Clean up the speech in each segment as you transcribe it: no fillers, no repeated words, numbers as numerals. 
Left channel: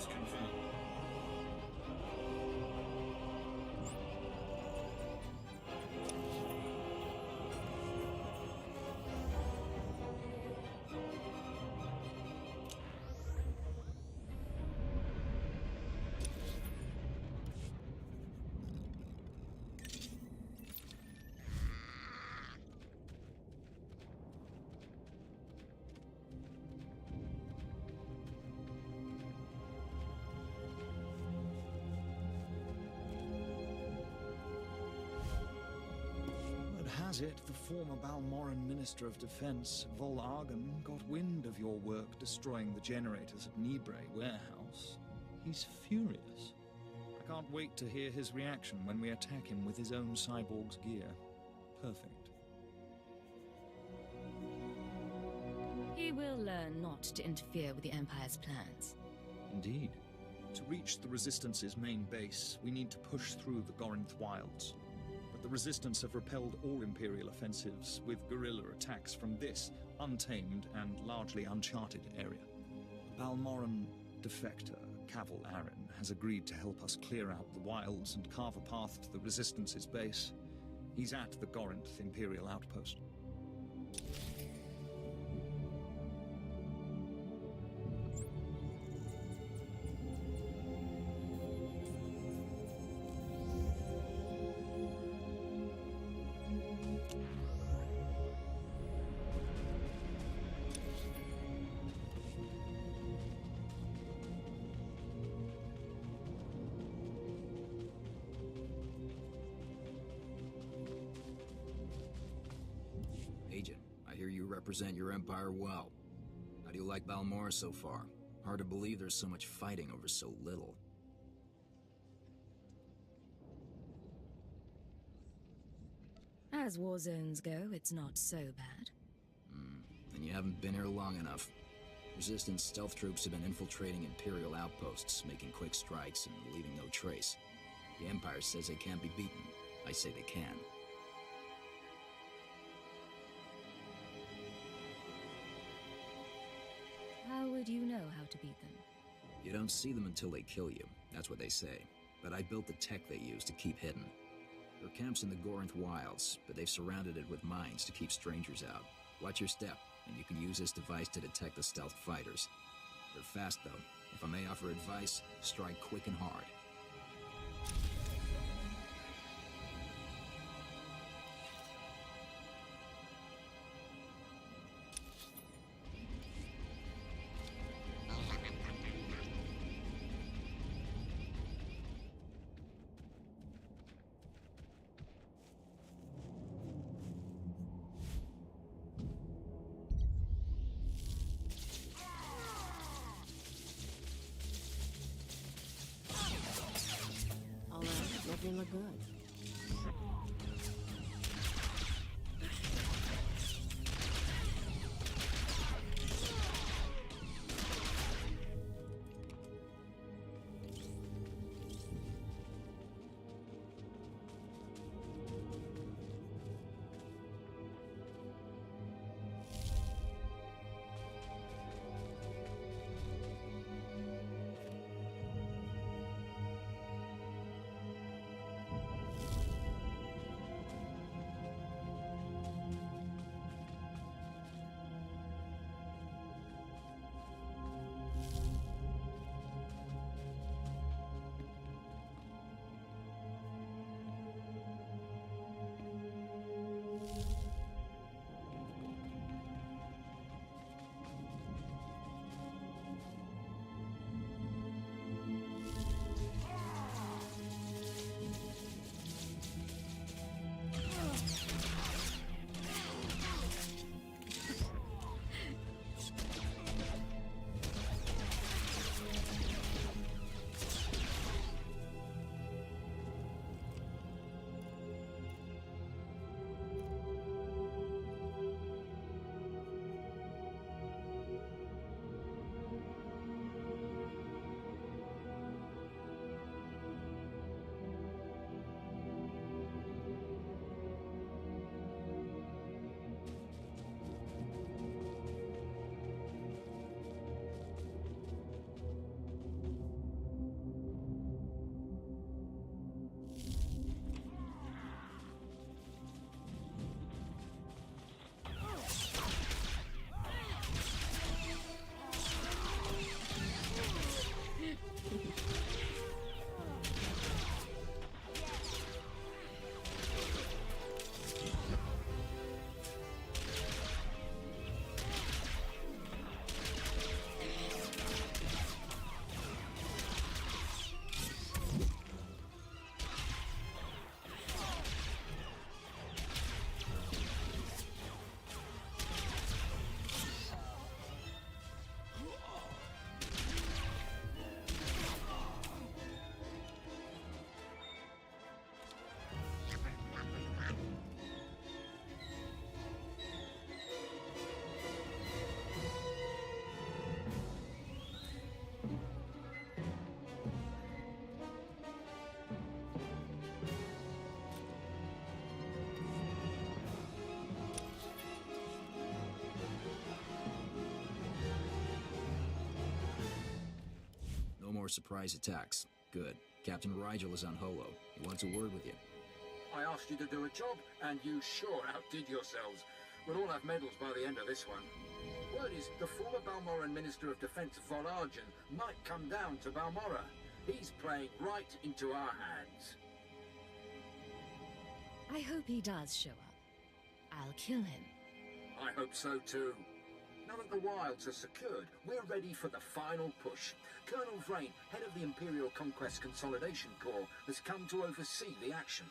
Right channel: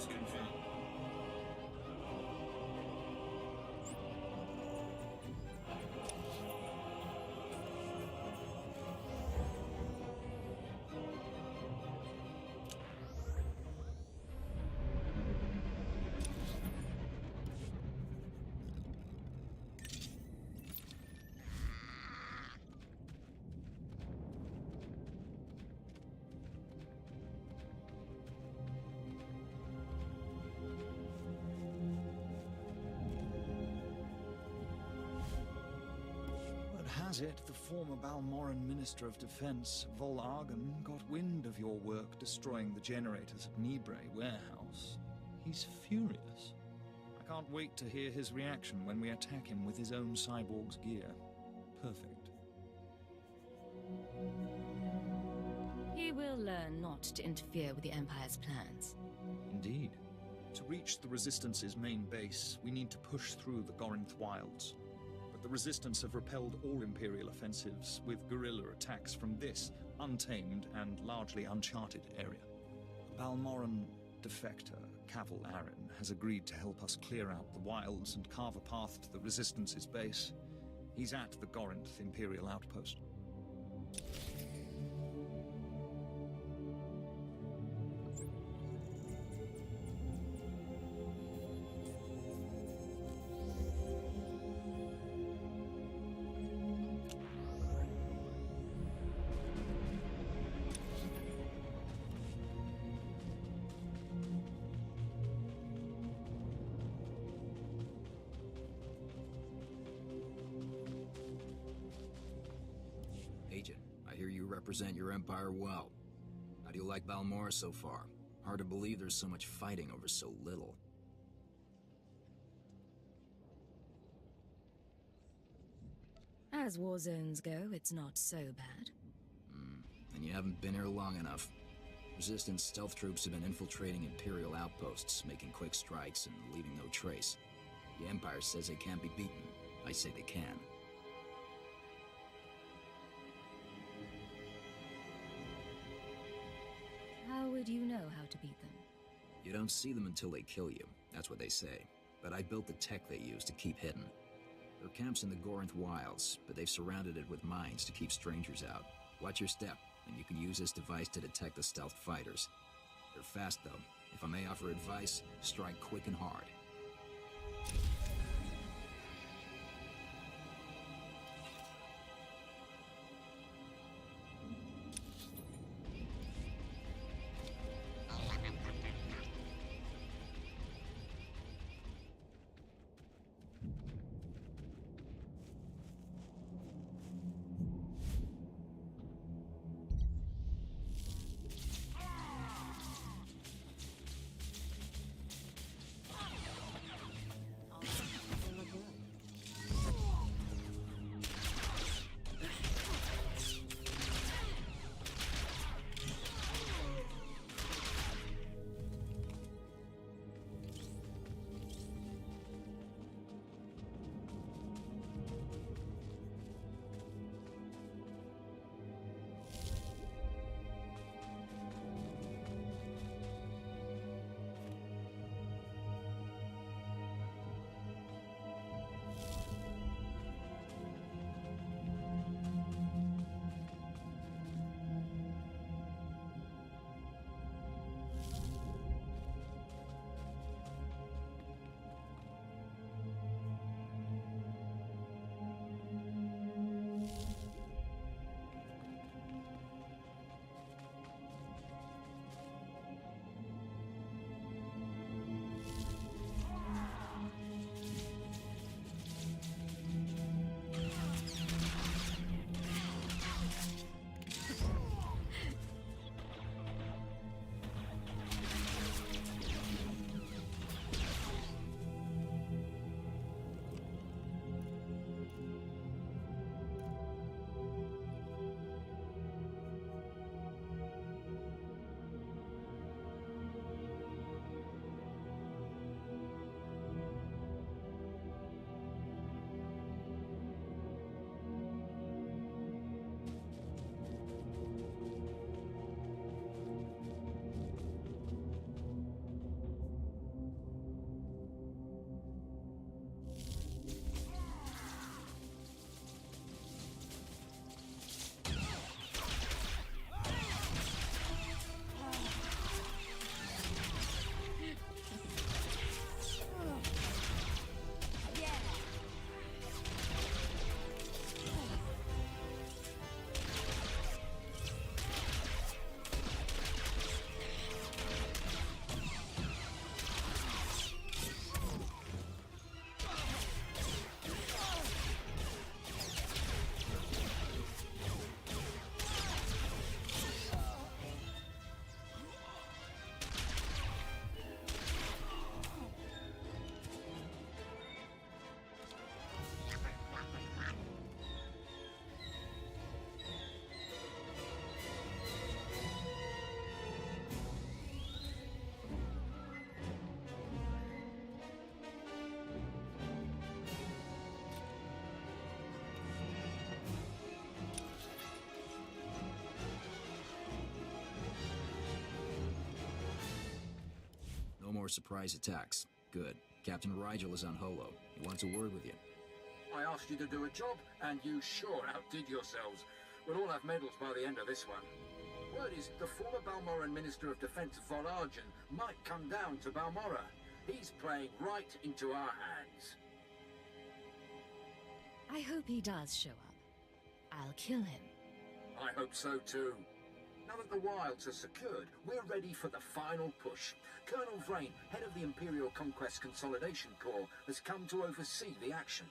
is confirmed. Word has it, the former Balmoran Minister of Defense, Vol Argon, got wind of your work destroying the generators at Nibre warehouse. He's furious. I can't wait to hear his reaction when we attack him with his own cyborg's gear. Perfect. He will learn not to interfere with the Empire's plans. Indeed. To reach the Resistance's main base, we need to push through the Gorinth Wilds. But the Resistance have repelled all Imperial offensives with guerrilla attacks from this untamed and largely uncharted area. A Balmoran defector, Cavil Aren, has agreed to help us clear out the wilds and carve a path to the Resistance's base. He's at the Gorinth Imperial outpost. Agent, I hear you represent your empire well. How do you like Balmora so far? Hard to believe there's so much fighting over so little. As war zones go, it's not so bad. Then you haven't been here long enough. Resistance stealth troops have been infiltrating Imperial outposts, making quick strikes and leaving no trace. The Empire says they can't be beaten. I say they can. How would you know how to beat them? You don't see them until they kill you. That's what they say. But I built the tech they use to keep hidden. Their camp's in the Gorinth Wilds, but they've surrounded it with mines to keep strangers out. Watch your step, and you can use this device to detect the stealth fighters. They're fast, though. If I may offer advice, strike quick and hard. All right. No more surprise attacks. Good. Captain Rigel is on Holo. He wants a word with you. I asked you to do a job, and you sure outdid yourselves. We'll all have medals by the end of this one. Word is the former Balmoran Minister of Defense Volargen might come down to Balmora. He's playing right into our hands. I hope he does show up. I'll kill him. I hope so too. Now that the wilds are secured, we're ready for the final push. Colonel Vrain, head of the Imperial Conquest Consolidation Corps, has come to oversee the action.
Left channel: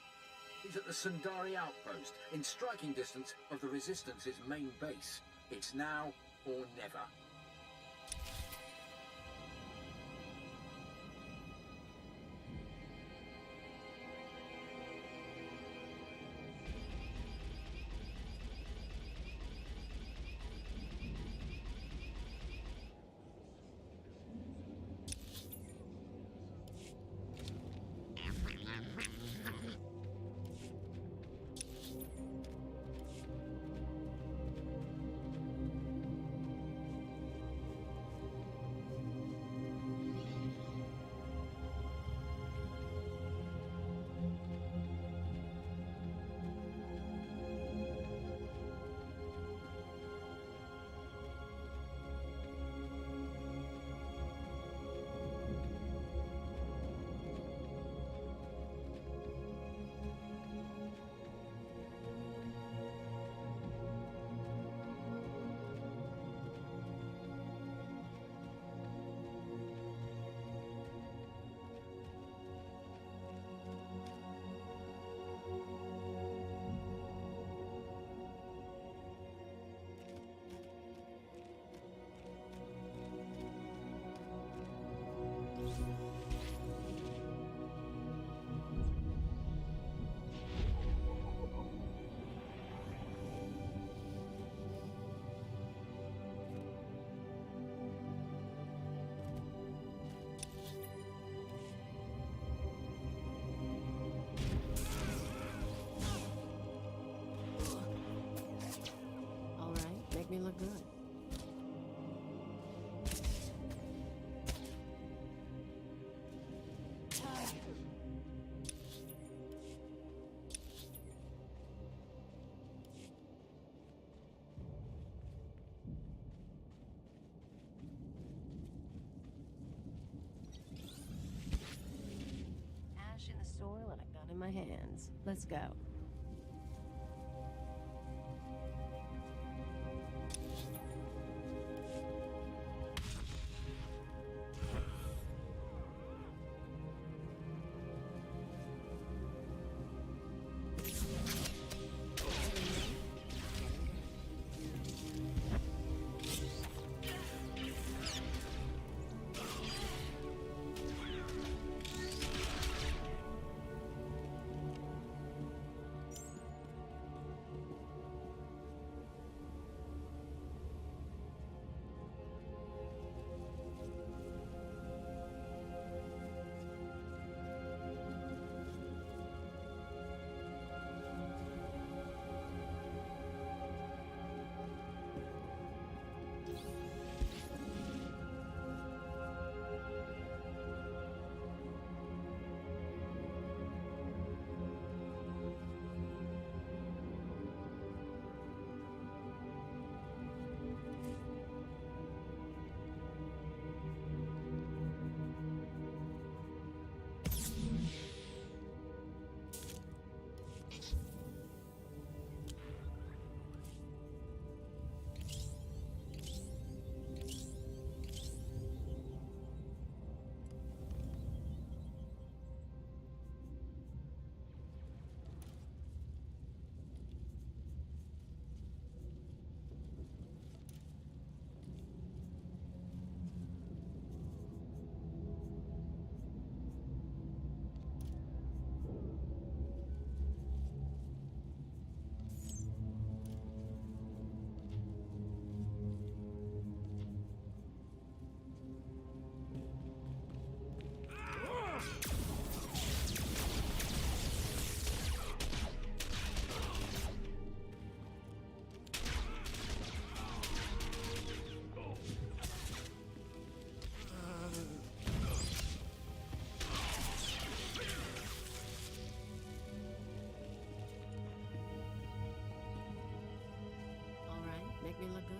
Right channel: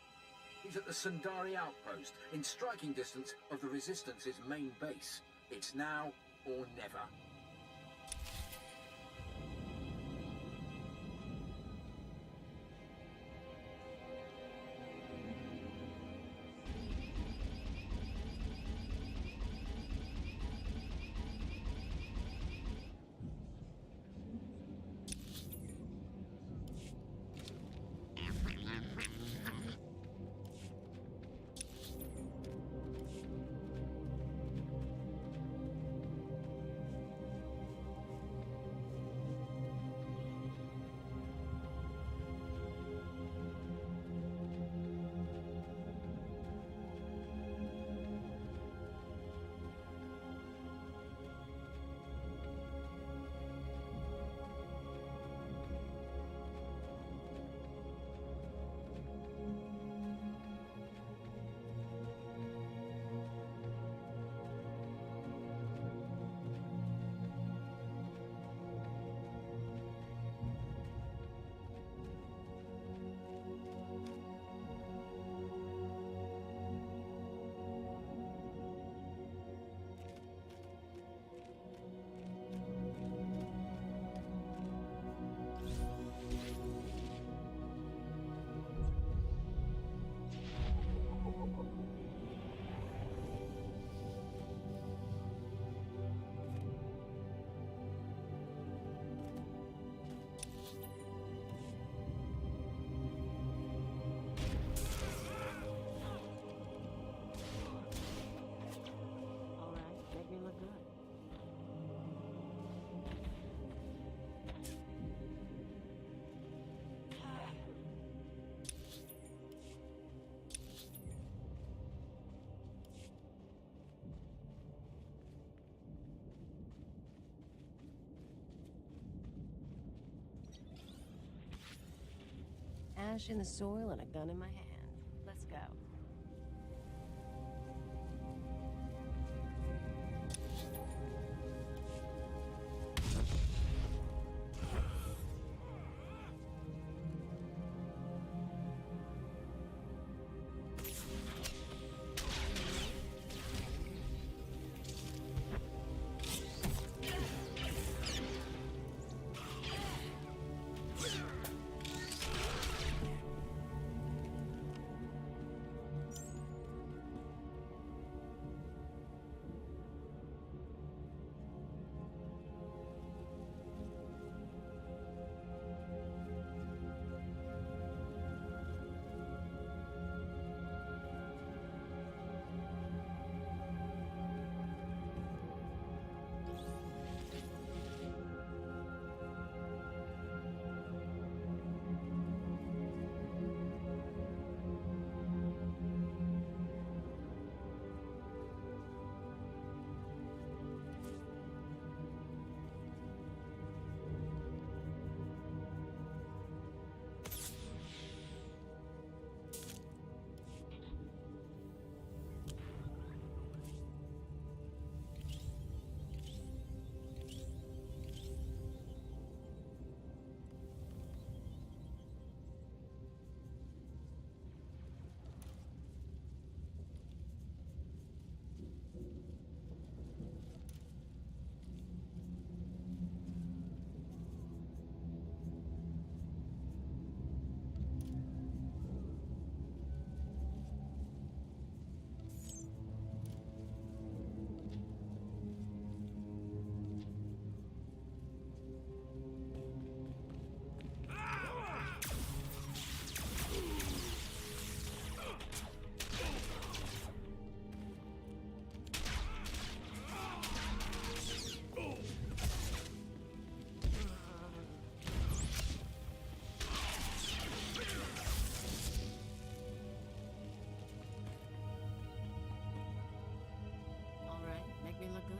He's at the Sundari outpost, in striking distance of the Resistance's main base. It's now or never. Me look good. Ash in the soil and a gun in my hands. Let's go. Make me look good.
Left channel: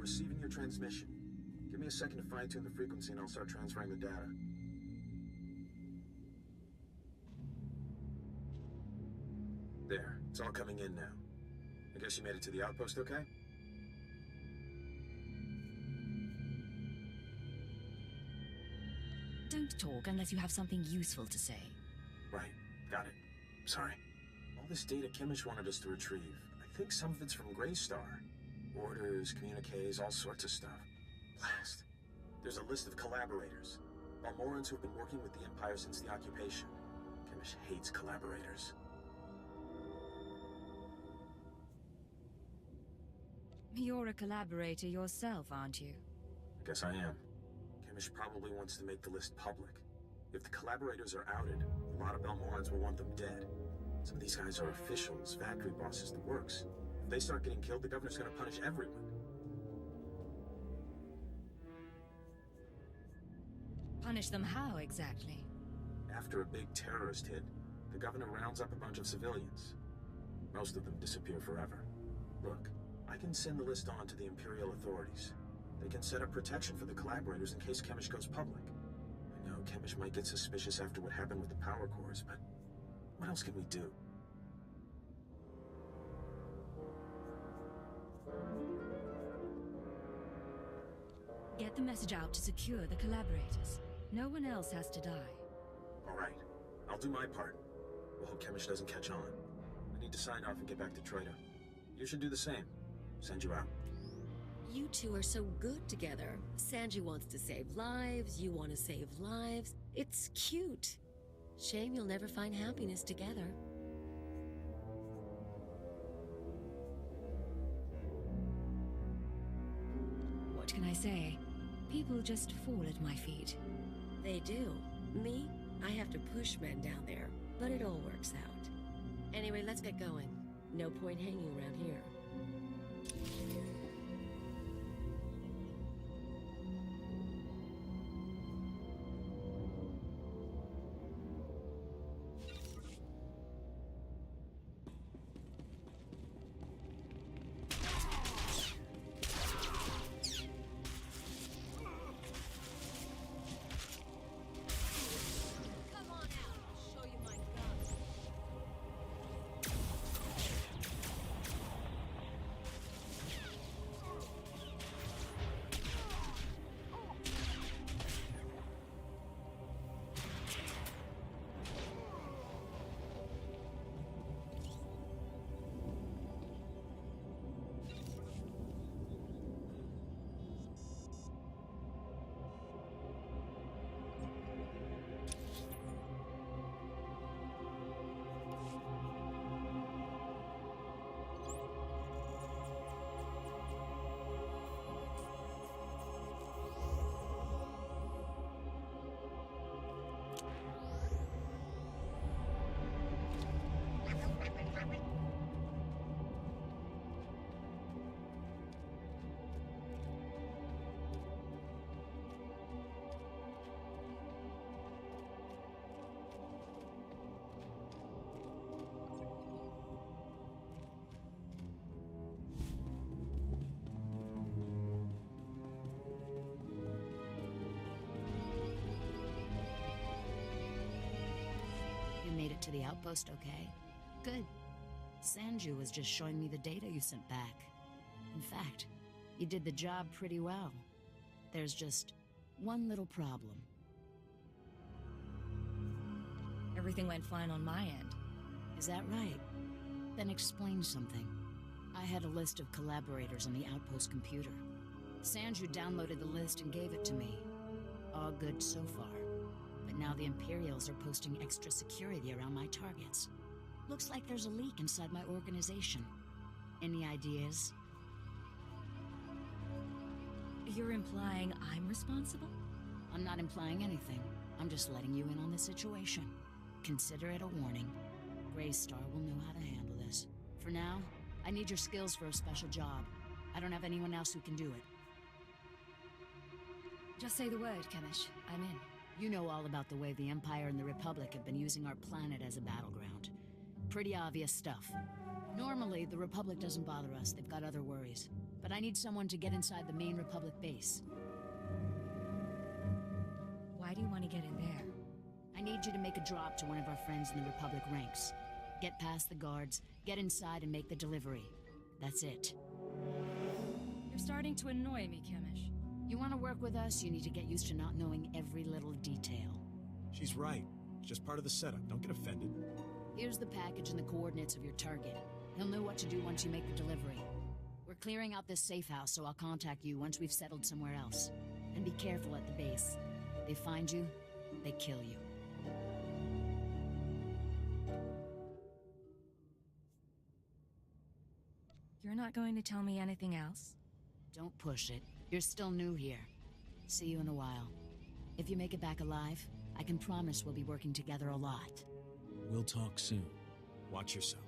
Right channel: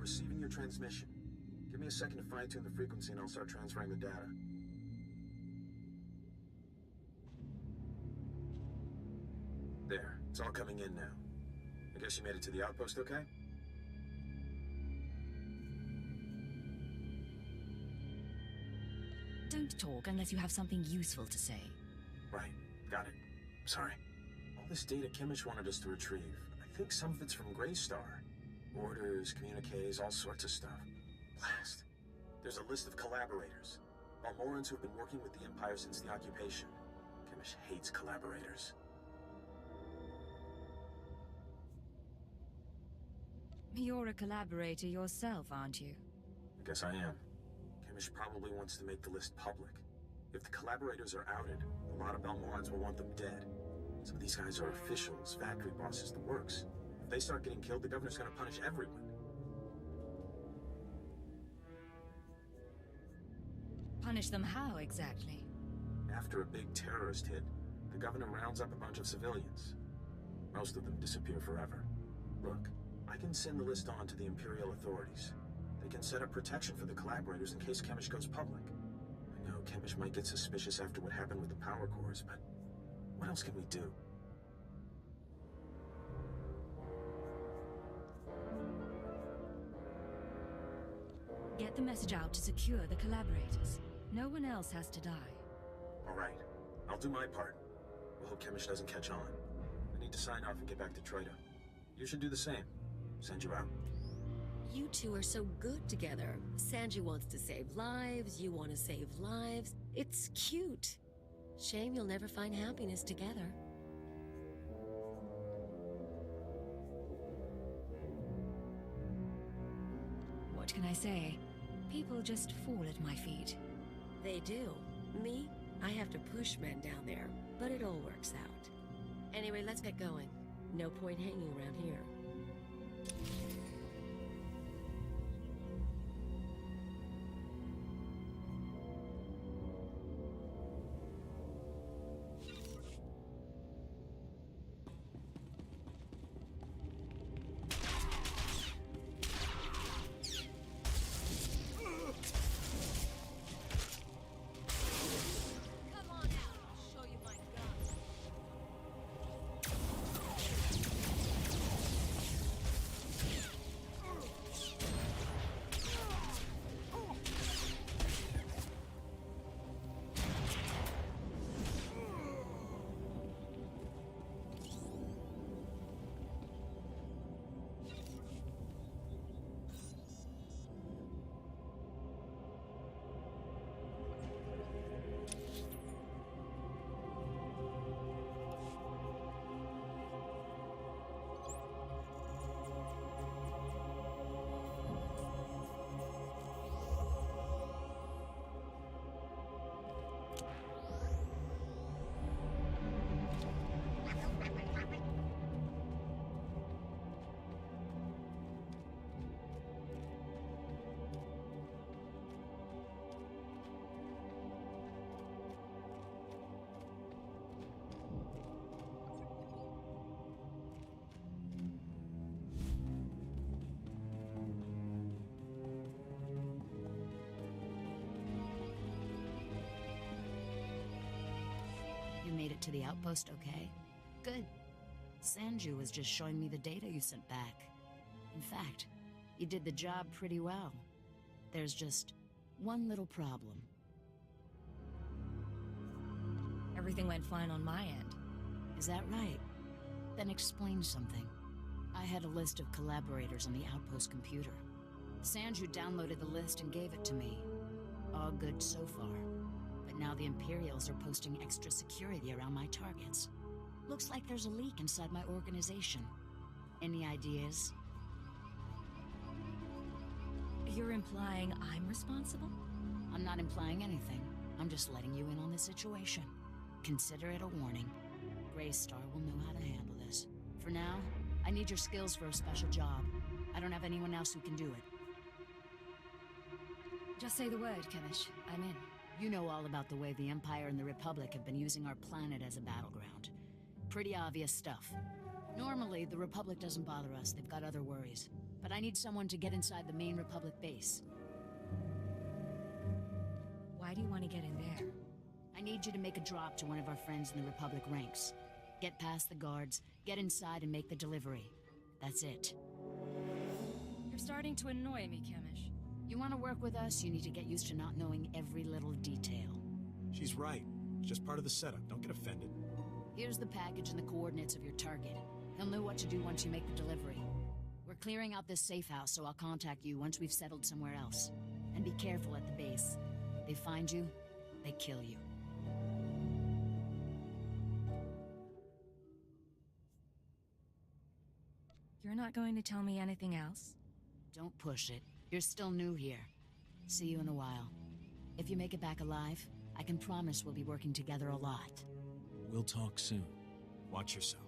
Receiving your transmission. Give me a second to fine-tune the frequency and I'll start transferring the data. There, it's all coming in now. I guess you made it to the outpost okay? Don't talk unless you have something useful to say. Right, got it. Sorry. All this data Kimmich wanted us to retrieve. I think some of it's from Greystar. Orders, communiques, all sorts of stuff. Blast. There's a list of collaborators. Balmorans who've been working with the Empire since the occupation. Kimmich hates collaborators. You're a collaborator yourself, aren't you? I guess I am. Kimmich probably wants to make the list public. If the collaborators are outed, a lot of Balmorans will want them dead. Some of these guys are officials, factory bosses, the works. If they start getting killed, the governor's gonna punish everyone. Punish them how, exactly? After a big terrorist hit, the governor rounds up a bunch of civilians. Most of them disappear forever. Look, I can send the list on to the Imperial authorities. They can set up protection for the collaborators in case Kimmich goes public. I know Kimmich might get suspicious after what happened with the power cores, but what else can we do? Get the message out to secure the collaborators. No one else has to die. All right, I'll do my part. We'll hope Kimmich doesn't catch on. I need to sign off and get back to Troita. You should do the same. Send you out. You two are so good together. Sanji wants to save lives, you want to save lives. It's cute. Shame you'll never find happiness together. What can I say? People just fall at my feet. They do. Me? I have to push men down there, but it all works out. Anyway, let's get going. No point hanging around here. to the outpost okay? Good. Sanju was just showing me the data you sent back. In fact, you did the job pretty well. There's just one little problem. Everything went fine on my end. Is that right? Then explain something. I had a list of collaborators on the outpost computer. Sanju downloaded the list and gave it to me. All good so far. But now the Imperials are posting extra security around my targets. Looks like there's a leak inside my organization. Any ideas? You're implying I'm responsible? I'm not implying anything. I'm just letting you in on the situation. Consider it a warning. Greystar will know how to handle this. For now, I need your skills for a special job. I don't have anyone else who can do it. Just say the word, Kemish. I'm in. You know all about the way the Empire and the Republic have been using our planet as a battleground. Pretty obvious stuff. Normally, the Republic doesn't bother us. They've got other worries. But I need someone to get inside the main Republic base. Why do you want to get in there? I need you to make a drop to one of our friends in the Republic ranks. Get past the guards, get inside and make the delivery. That's it. You're starting to annoy me, Kemish. You want to work with us, you need to get used to not knowing every little detail. She's right. It's just part of the setup. Don't get offended. Here's the package and the coordinates of your target. He'll know what to do once you make the delivery. We're clearing out this safe house, so I'll contact you once we've settled somewhere else. And be careful at the base. They find you, they kill you. You're not going to tell me anything else? Don't push it. You're still new here. See you in a while. If you make it back alive, I can promise we'll be working together a lot. We'll talk soon. Watch yourself.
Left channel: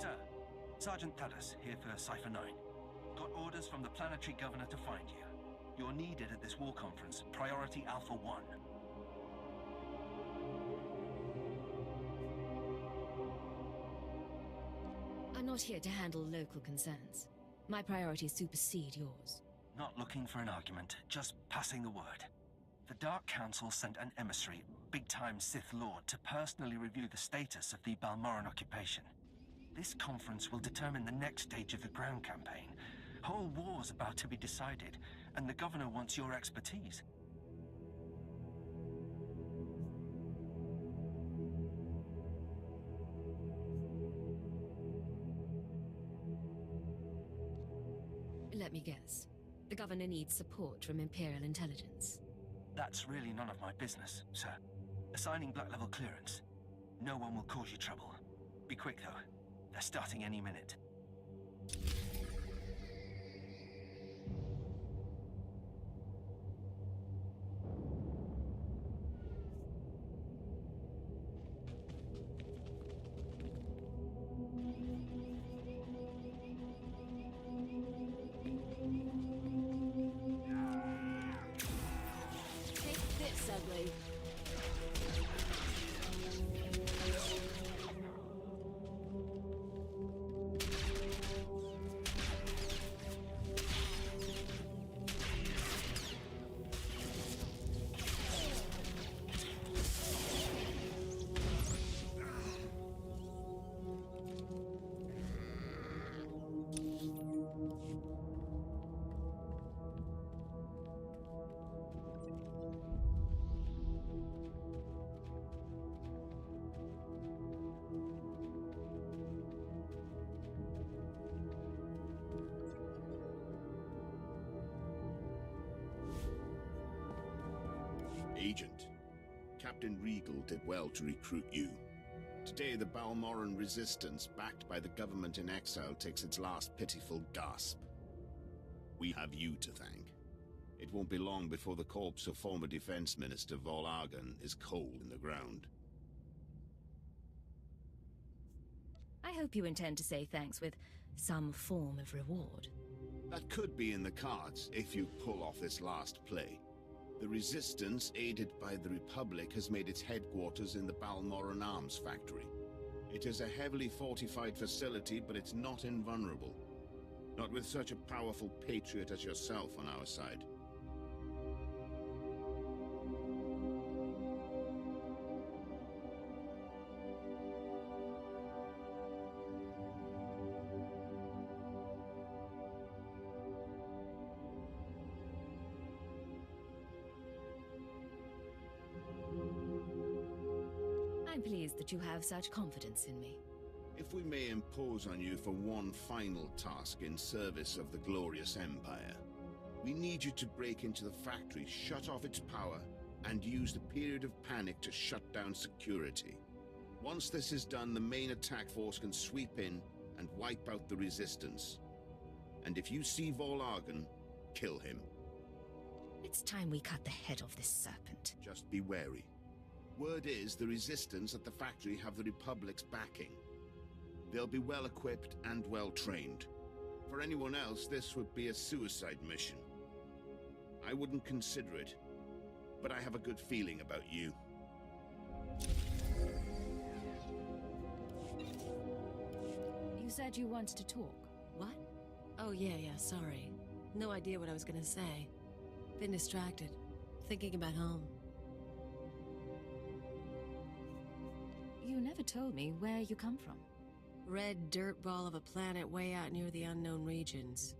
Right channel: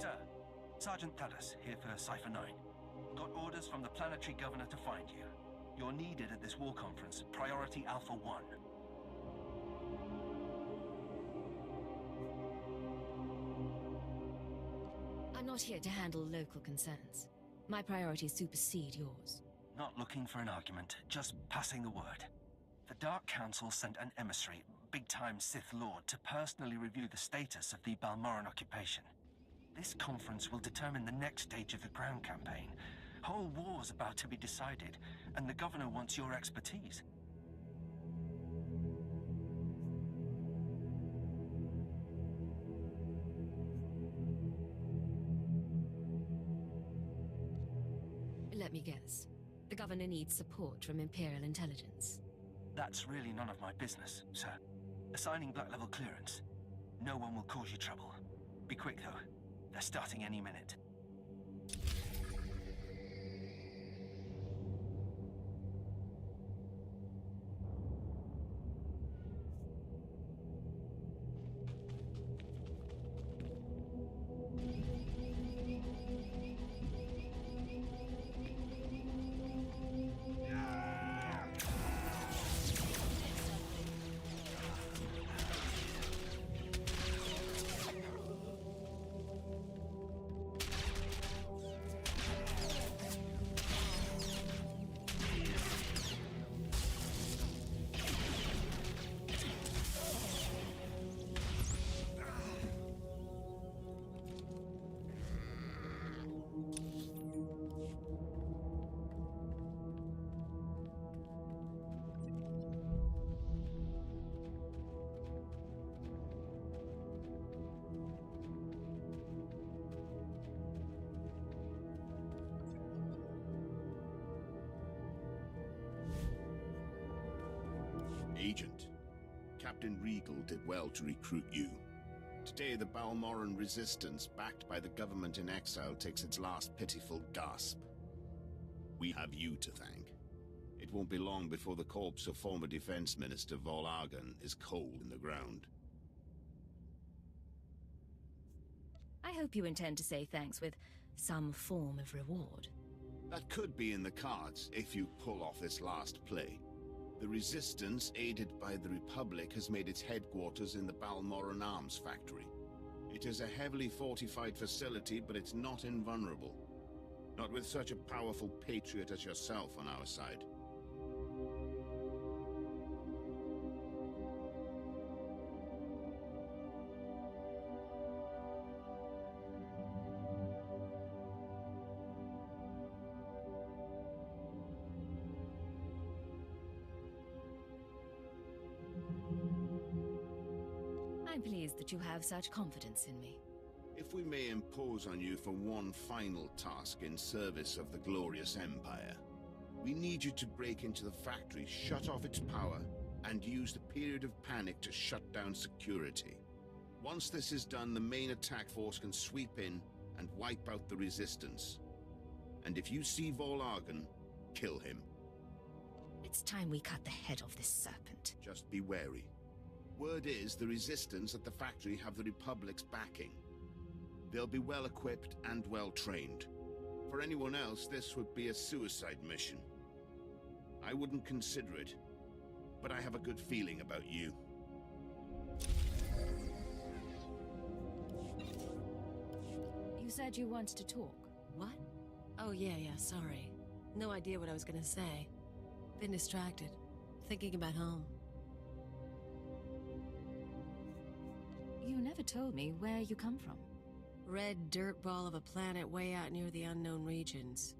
Sir, Sergeant Tadas here for Cypher 9. Got orders from the planetary governor to find you. You're needed at this war conference, Priority Alpha 1. I'm not here to handle local concerns. My priorities supersede yours. Not looking for an argument, just passing the word. The Dark Council sent an emissary, big-time Sith Lord, to personally review the status of the Balmoran occupation. This conference will determine the next stage of the ground campaign. Whole war's about to be decided, and the governor wants your expertise. Let me guess. The governor needs support from Imperial intelligence. That's really none of my business, sir. Assigning Black Level clearance. No one will cause you trouble. Be quick, though. They're starting any minute. Agent, Captain Regal did well to recruit you. Today, the Balmoran resistance, backed by the government in exile, takes its last pitiful gasp. We have you to thank. It won't be long before the corpse of former Defense Minister Vol Argon is cold in the ground. I hope you intend to say thanks with some form of reward. That could be in the cards if you pull off this last play. The Resistance, aided by the Republic, has made its headquarters in the Balmoran Arms Factory. It is a heavily fortified facility, but it's not invulnerable. Not with such a powerful patriot as yourself on our side. I'm pleased that you have such confidence in me. If we may impose on you for one final task in service of the glorious Empire, we need you to break into the factory, shut off its power, and use the period of panic to shut down security. Once this is done, the main attack force can sweep in and wipe out the Resistance. And if you see Vol Argon, kill him. It's time we cut the head off this serpent. Just be wary. Word is the Resistance at the factory have the Republic's backing. They'll be well equipped and well trained. For anyone else, this would be a suicide mission. I wouldn't consider it, but I have a good feeling about you. You said you wanted to talk. What? Oh, yeah, sorry. No idea what I was gonna say. Been distracted. Thinking about home. You never told me where you come from. Red dirt ball of a planet way out near the unknown regions.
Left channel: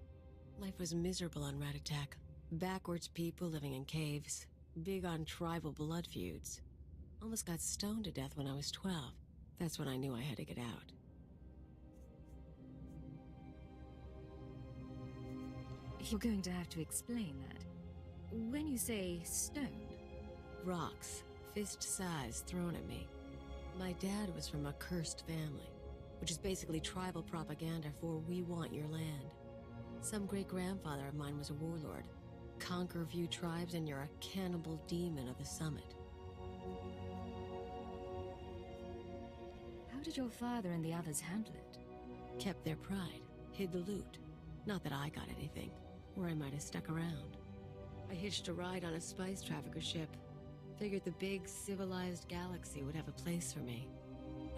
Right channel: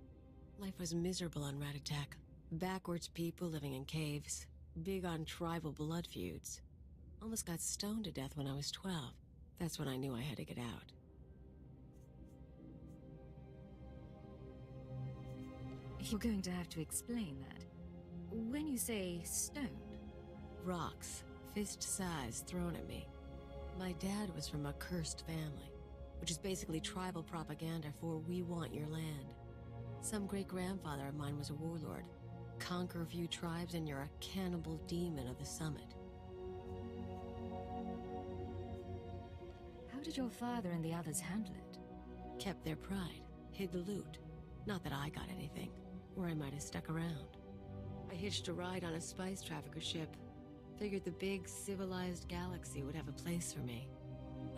Life was miserable on Ratatak. Backwards people living in caves. Big on tribal blood feuds. Almost got stoned to death when I was 12. That's when I knew I had to get out. You're going to have to explain that. When you say stoned... Rocks, fist-size, thrown at me. My dad was from a cursed family, which is basically tribal propaganda for we want your land. Some great-grandfather of mine was a warlord. Conquer a few tribes and you're a cannibal demon of the summit. How did your father and the others handle it? Kept their pride, hid the loot. Not that I got anything, or I might have stuck around. I hitched a ride on a spice trafficker ship. Figured the big, civilized galaxy would have a place for me.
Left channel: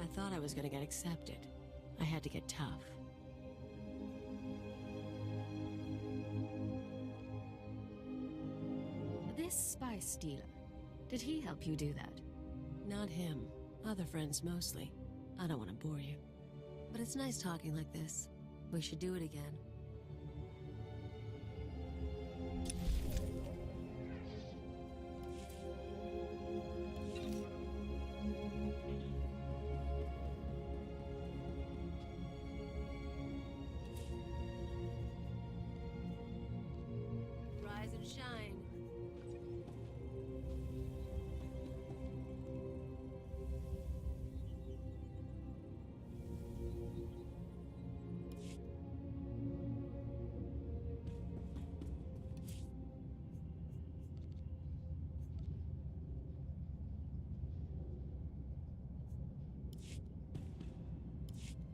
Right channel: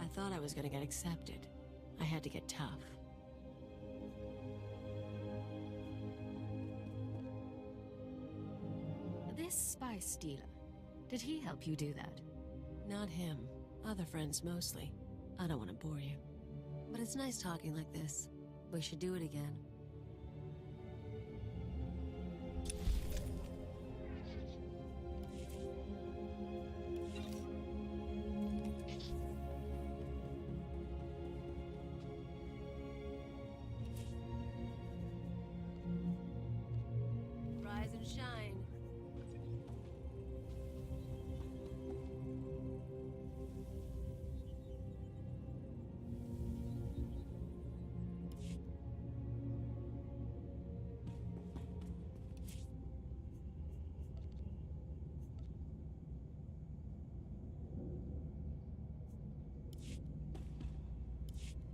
I thought I was gonna get accepted. I had to get tough. This spice dealer, did he help you do that? Not him. Other friends mostly. I don't want to bore you. But it's nice talking like this. We should do it again. and shine.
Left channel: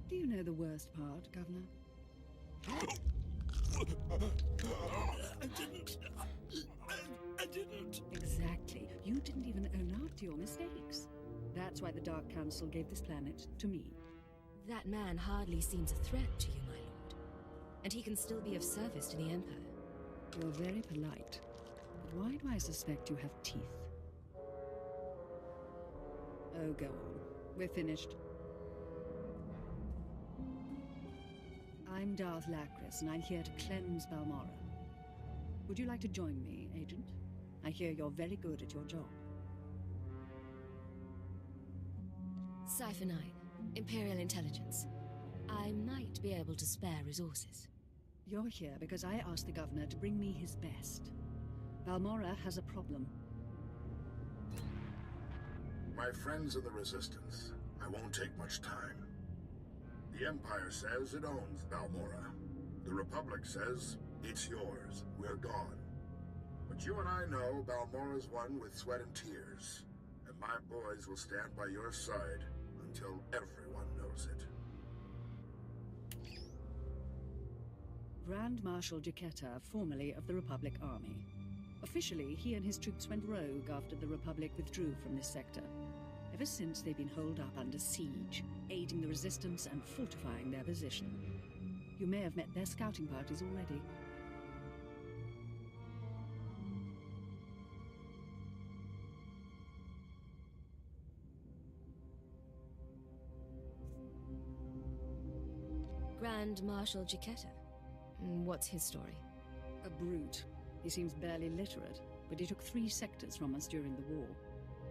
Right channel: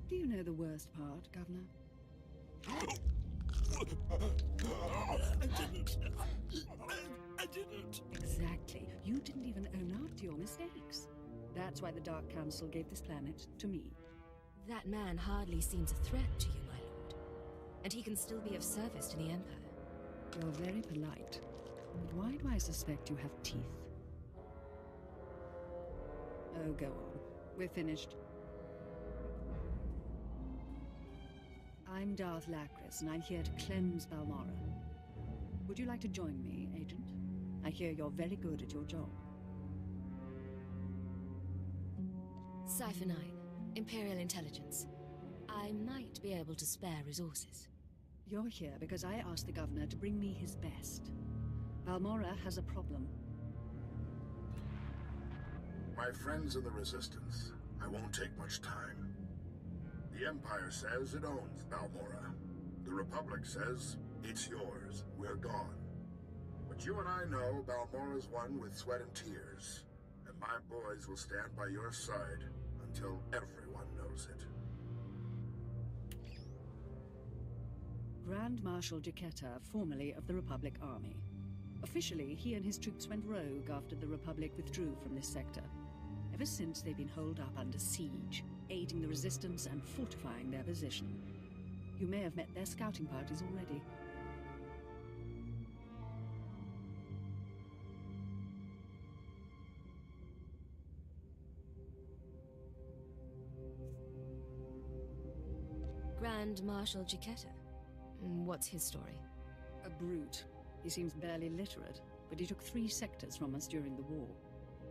Do you know the worst part, Governor? I didn't. Exactly. You didn't even own up to your mistakes. That's why the Dark Council gave this planet to me. That man hardly seems a threat to you, my lord. And he can still be of service to the Empire. You're very polite. But why do I suspect you have teeth? Oh, go on. We're finished. I'm Darth Lacris, and I'm here to cleanse Balmorra. Would you like to join me, Agent? I hear you're very good at your job. Cypher 9, Imperial Intelligence. I might be able to spare resources. You're here because I asked the Governor to bring me his best. Balmorra has a problem. My friends in the Resistance, I won't take much time. The Empire says it owns Balmorra. The Republic says it's yours. We're gone. But you and I know Balmorra's won with sweat and tears. And my boys will stand by your side until everyone knows it. Grand Marshal Jaquetta, formerly of the Republic Army. Officially, he and his troops went rogue after the Republic withdrew from this sector. Ever since, they've been holed up under siege, aiding the Resistance and fortifying their position. You may have met their scouting parties already. Grand Marshal Jaquetta. What's his story? A brute. He seems barely literate, but he took 3 sectors from us during the war.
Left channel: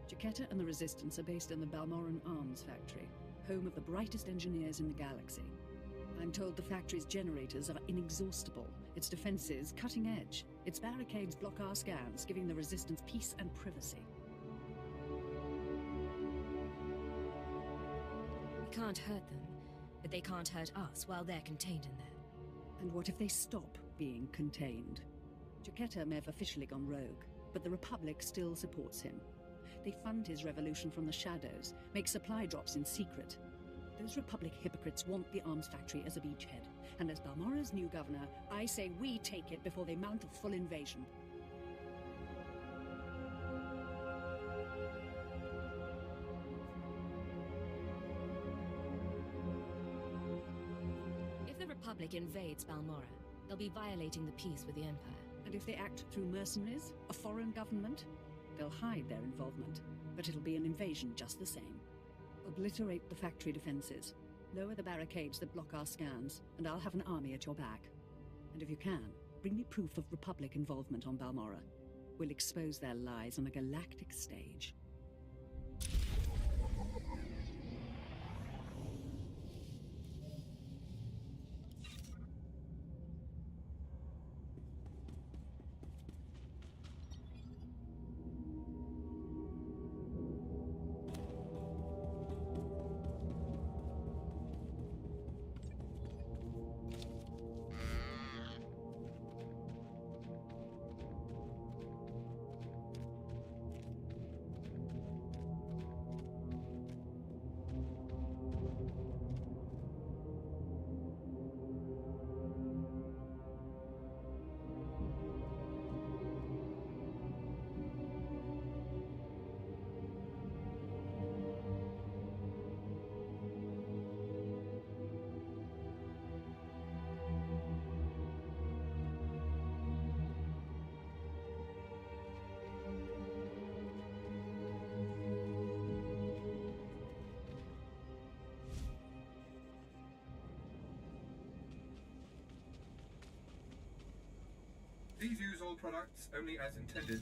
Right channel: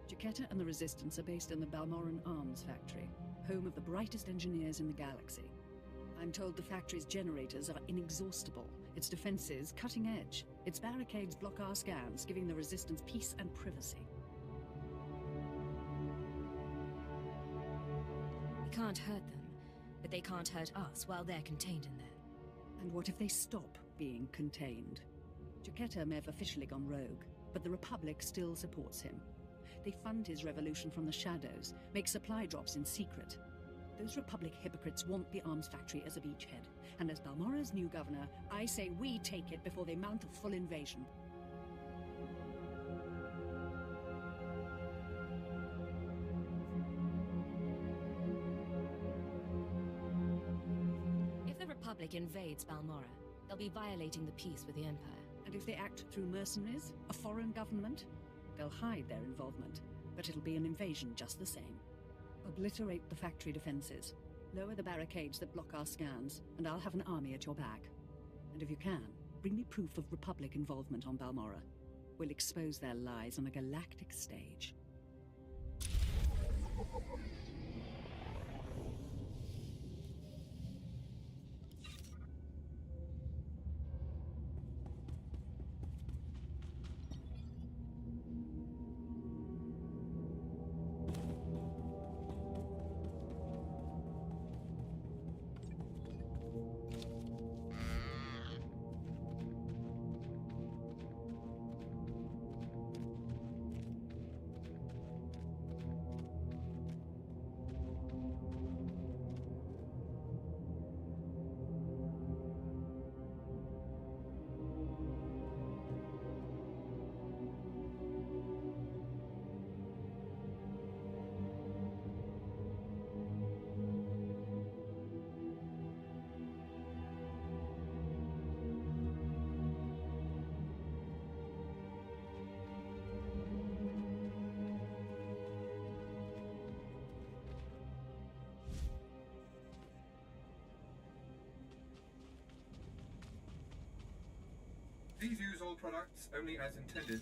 Jaquetta and the Resistance are based in the Balmorran Arms Factory, home of the brightest engineers in the galaxy. I'm told the factory's generators are inexhaustible, its defenses cutting edge, its barricades block our scans, giving the Resistance peace and privacy. We can't hurt them, but they can't hurt us while they're contained in there. And what if they stop being contained? Jaquetta may have officially gone rogue, but the Republic still supports him. They fund his revolution from the shadows, make supply drops in secret. Those Republic hypocrites want the arms factory as a beachhead, and as Balmorra's new governor, I say we take it before they mount a full invasion. If the Republic invades Balmorra, they'll be violating the peace with the Empire. And if they act through mercenaries, a foreign government, they'll hide their involvement, but it'll be an invasion just the same. Obliterate the factory defenses, lower the barricades that block our scans, and I'll have an army at your back. And if you can, bring me proof of Republic involvement on Balmorra. We'll expose their lies on a galactic stage. Please use all products only as intended.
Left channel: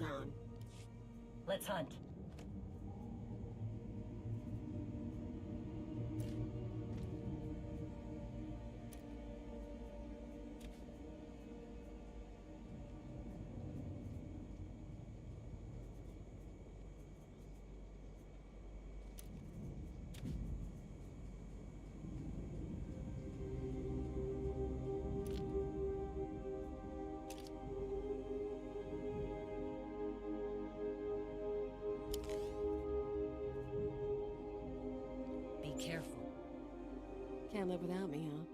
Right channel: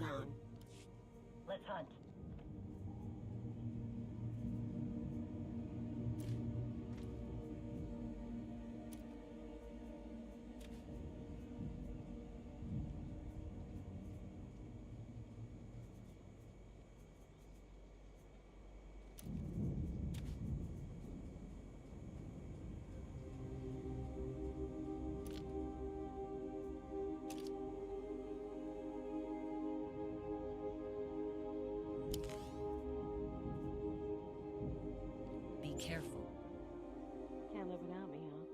I'm gone. Let's hunt. Be careful. Can't live without me, huh?